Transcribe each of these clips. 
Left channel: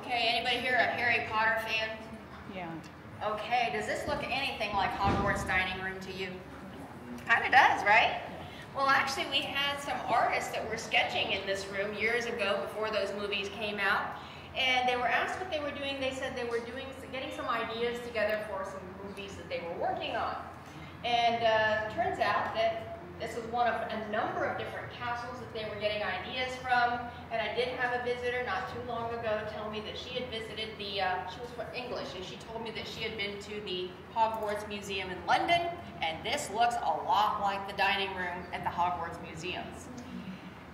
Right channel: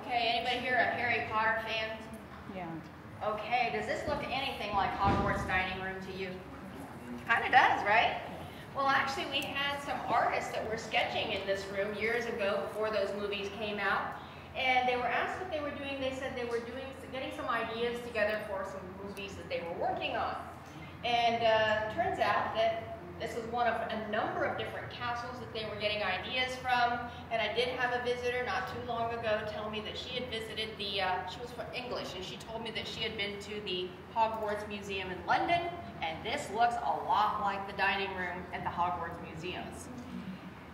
Okay, anybody here a Harry Potter fan? Yeah. Okay, does this look anything like Hogwarts dining room to you? Kind of does, right? Well, actually, we had some artists that were sketching in this room years ago before those movies came out. And they were asked what they were doing. They said they were getting some ideas together for some movies that they were working on. And turns out that this was one of a number of different castles that they were getting ideas from. And I did have a visitor not too long ago tell me that she had visited the, she was from English, and she told me that she had been to the Hogwarts Museum in London, and this looks a lot like the dining room at the Hogwarts Museum.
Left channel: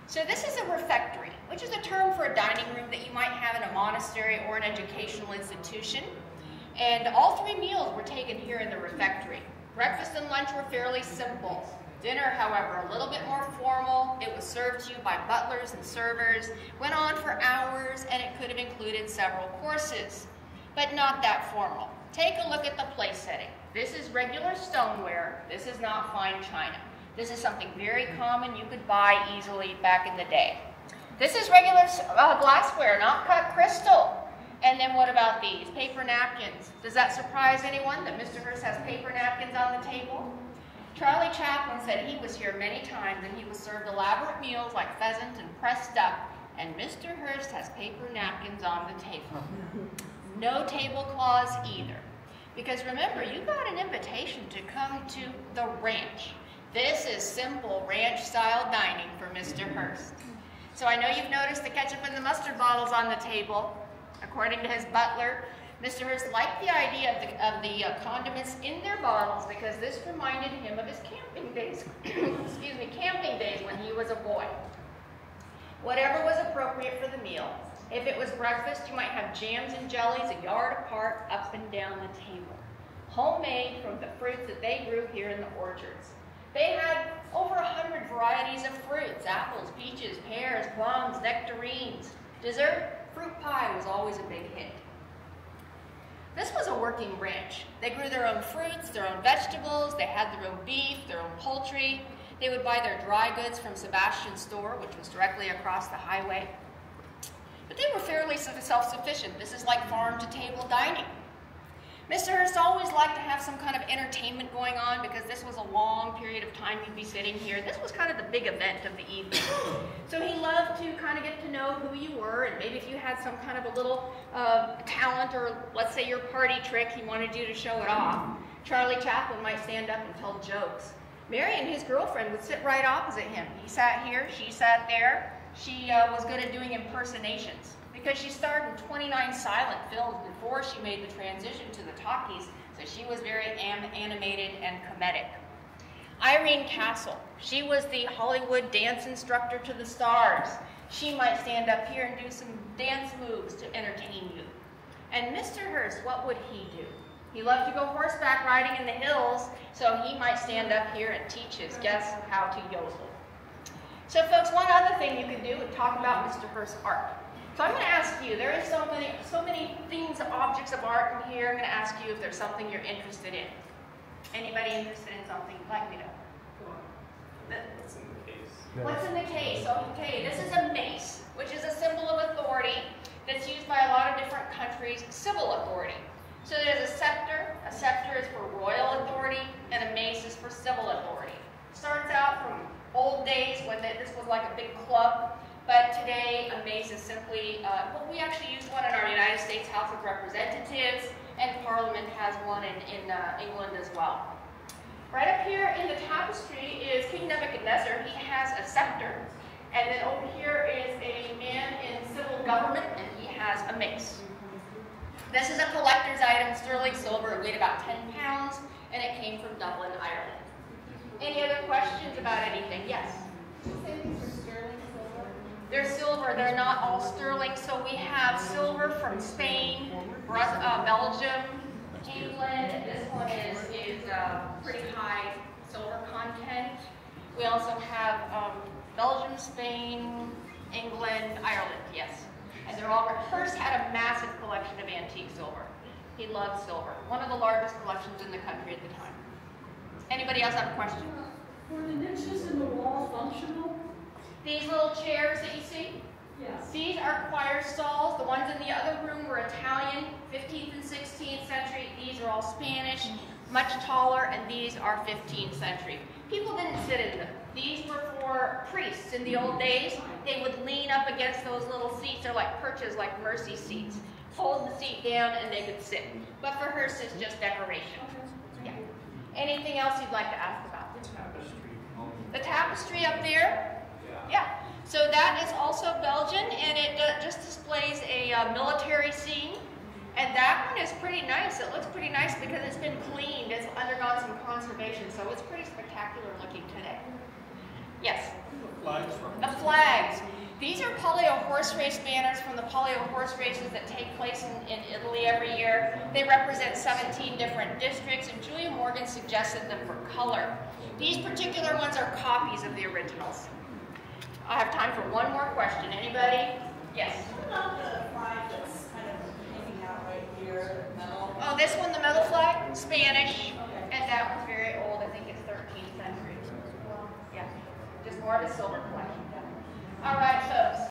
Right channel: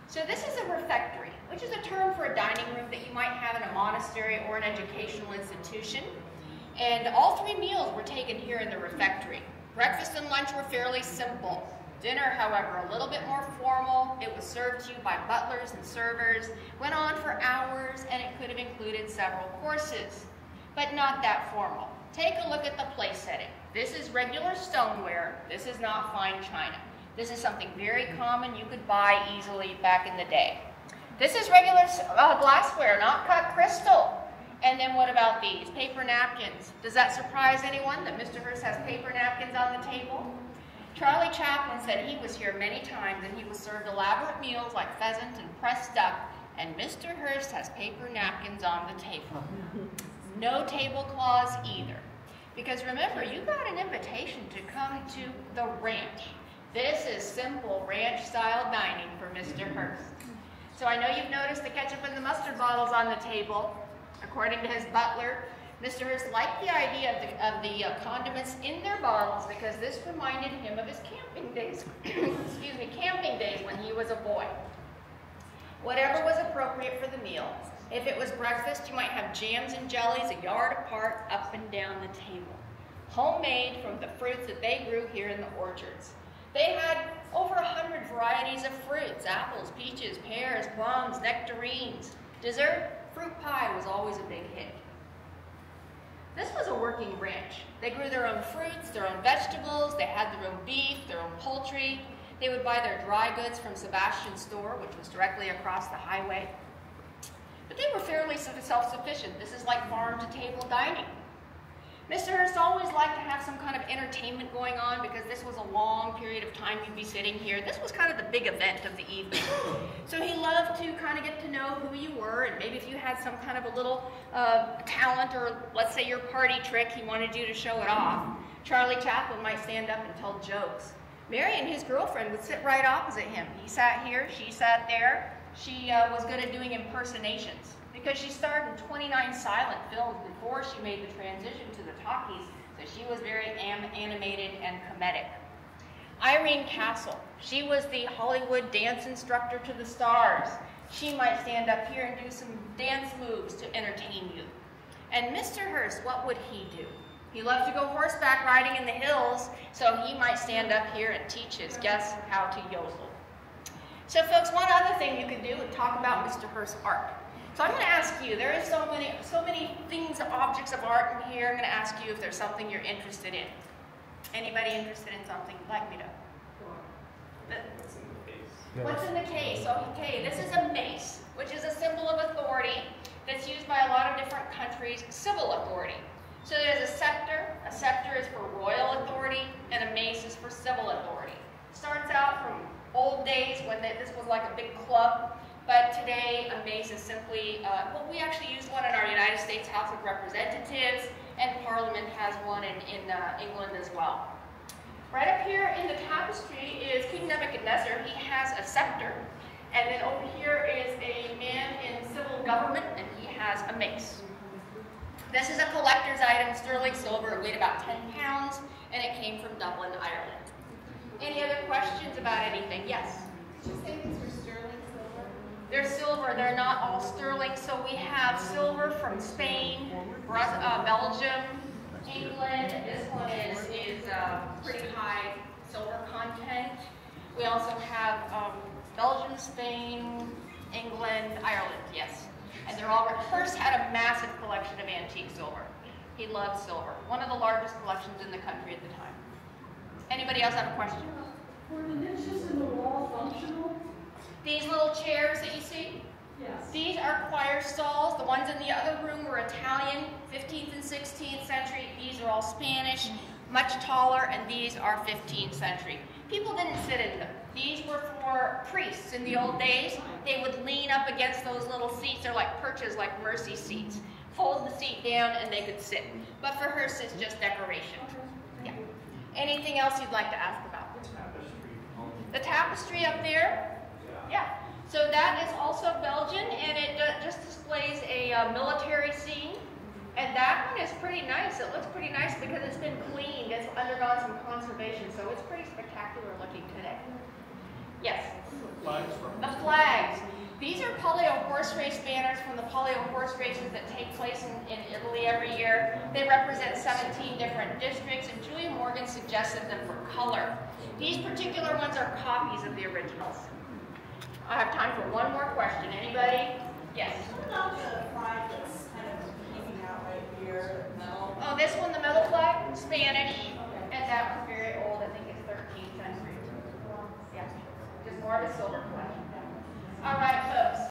So this is a refectory, which is a term for a dining room that you might have in a monastery or an educational institution. And all three meals were taken here in the refectory. Breakfast and lunch were fairly simple. Dinner, however, a little bit more formal. It was served to you by butlers and servers, went on for hours, and it could have included several courses, but not that formal. Take a look at the place setting. This is regular stoneware. This is not fine china. This is something very common you could buy easily back in the day. This is regular glassware, not cut crystal. And then what about these? Paper napkins. Does that surprise anyone that Mr. Hearst has paper napkins on the table? Charlie Chaplin said he was here many times and he was served elaborate meals like pheasant and pressed duck, and Mr. Hearst has paper napkins on the table. No tablecloths either. Because remember, you got an invitation to come to the ranch. This is simple ranch-style dining for Mr. Hearst. So I know you've noticed the ketchup and the mustard bottles on the table. According to his butler, Mr. Hearst liked the idea of the condiments in their bottles because this reminded him of his camping days, excuse me, camping days when he was a boy. Whatever was appropriate for the meal. If it was breakfast, you might have jams and jellies a yard apart up and down the table. Homemade from the fruits that they grew here in the orchards. They had over 100 varieties of fruits, apples, peaches, pears, plums, nectarines. Dessert, fruit pie was always a big hit. This was a working ranch. They grew their own fruits, their own vegetables, they had their own beef, their own poultry. They would buy their dry goods from Sebastian's store, which was directly across the highway. But they were fairly self-sufficient. This is like farm-to-table dining. Mr. Hearst always liked to have some kind of entertainment going on because this was a long period of time you'd be sitting here. This was kind of the big event of the evening. So he loved to kind of get to know who you were, and maybe if you had some kind of a little talent or let's say your party trick, he wanted you to show it off. Charlie Chaplin might stand up and tell jokes. Marion, his girlfriend, would sit right opposite him. He sat here, she sat there. She was good at doing impersonations because she starred in 29 silent films before she made the transition to the talkies, so she was very animated and comedic. Irene Castle, she was the Hollywood dance instructor to the stars. She might stand up here and do some dance moves to entertain you. And Mr. Hearst, what would he do? He loved to go horseback riding in the hills, so he might stand up here and teach his guests how to yodel. So folks, one other thing you can do is talk about Mr. Hearst's art. So I'm going to ask you, there are so many things, objects of art in here. I'm going to ask you if there's something you're interested in. Anybody interested in something? Let me know. Go on. What's in the case? What's in the case? Okay, this is a mace, which is a symbol of authority that's used by a lot of different countries, civil authority. So there's a scepter. A scepter is for royal authority, and a mace is for civil authority. Starts out from old days when this was like a big club. But today, a mace is simply, well, we actually use one in our United States House of Representatives, and Parliament has one in England as well. Right up here in the tapestry is King Nebuchadnezzar. He has a scepter. And then over here is a man in civil government, and he has a mace. This is a collector's item, sterling silver. It weighed about 10 pounds, and it came from Dublin, Ireland. Any other questions about anything? Yes? They're silver, they're not all sterling, so we have silver from Spain, Belgium, England. This one is pretty high silver content. We also have Belgium, Spain, England, Ireland, yes. And they're all, Hearst had a massive collection of antique silver. He loved silver, one of the largest collections in the country at the time. Anybody else have a question? Were the niches in the wall functional? These little chairs that you see, Yes. These are choir stalls. The ones in the other room were Italian, 15th and 16th century. These are all Spanish, much taller, and these are 15th century. People didn't sit in them. These were for priests in the old days. They would lean up against those little seats. They're like perches, like mercy seats. Fold the seat down and they could sit. But for Hearst, it's just decoration. Yeah. Anything else you'd like to ask about? The tapestry up there? Yeah. So that is also Belgian, and it just displays a military scene. And that one is pretty nice. It looks pretty nice because it's been cleaned. It's undergone some conservation, so it's pretty spectacular looking today. Yes? The flags. These are polio horse race banners from the polio horse races that take place in Italy every year. They represent 17 different districts, and Julia Morgan suggested them for color. These particular ones are copies of the originals. I have time for one more question. Anybody? Yes?